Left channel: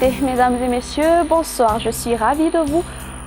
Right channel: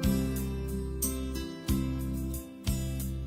écoutez, mesdames et messieurs, bonsoir, je suis ravie de vous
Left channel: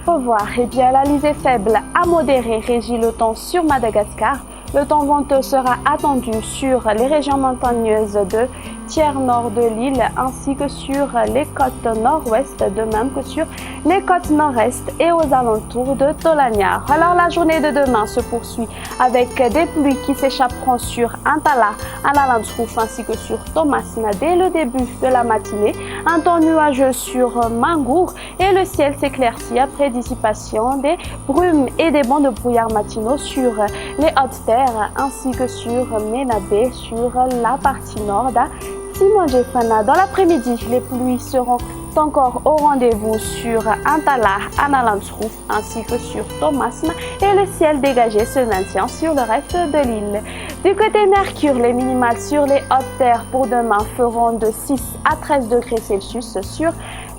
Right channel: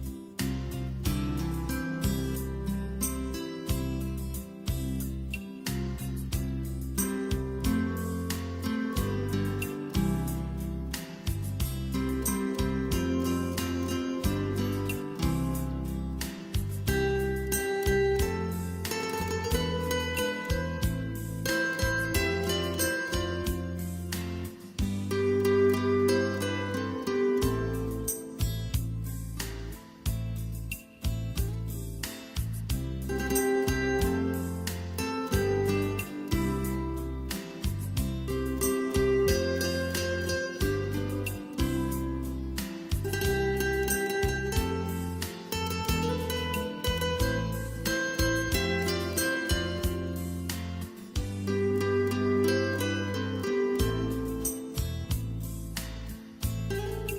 revoir. Eh bien, l'alizé faible à modéré régit le temps sur Madagascar. Le temps venteux sera attendu sur les régions montagneuses de tiers nord de l'île ainsi que sur les côtes nord-ouest, de même que sur les côtes nord-est et aux alentours de Tolagna. Alors la journée de demain se poursuit avec des pluies qui s'échapperont sur Antala, Analamskouf ainsi que sur Tomasina dès le début de la matinée. Un temps nuageux sur Mangour et le ciel s'éclaircit après dissipation des brumes et des bancs de brouillard matinaux sur les hautes terres ainsi que sur Menabé sur la partie nord d'Simon-Jefana. Dans l'après-midi, les pluies seront encore au rendez-vous sur Antala, Analamskouf ainsi que sur Tomasina et le ciel dégagé se maintient sur le reste de l'île. Du côté Mercure, les minimales sur les hautes terres pour demain feront de 6 à 13 degrés Celsius. Sur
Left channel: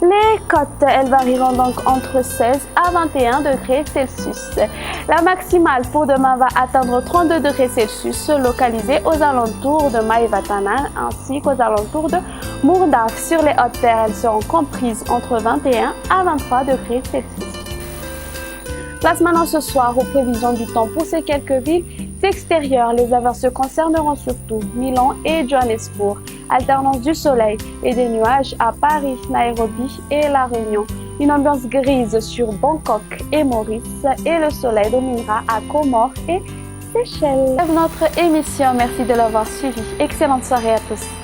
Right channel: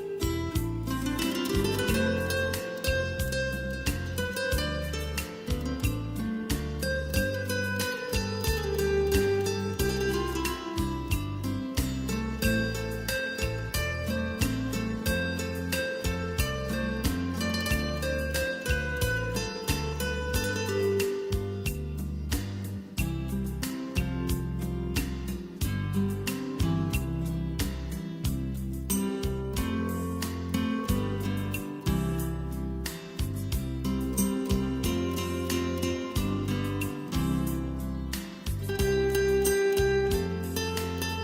les côtes, elles varieront donc entre 16 à 21 degrés Celsius. La maximale pour demain va atteindre 32 degrés Celsius, localisée aux alentours de Maïvatana ainsi qu'aux alentours de Mourdak. Sur les hautes terres, elles seront comprises entre 21 à 23 degrés Celsius. Place maintenant ce soir aux prévisions du temps pour ces quelques villes extérieures. Les averses concerneront surtout Milan et Johannesburg. Alternance du soleil et des nuages à Paris, Nairobi et La Réunion. Une ambiance grise sur Bangkok et Maurice et le soleil dominera à Comores et Seychelles. C'est notre émission. Merci de l'avoir suivi. Excellente soirée à tous.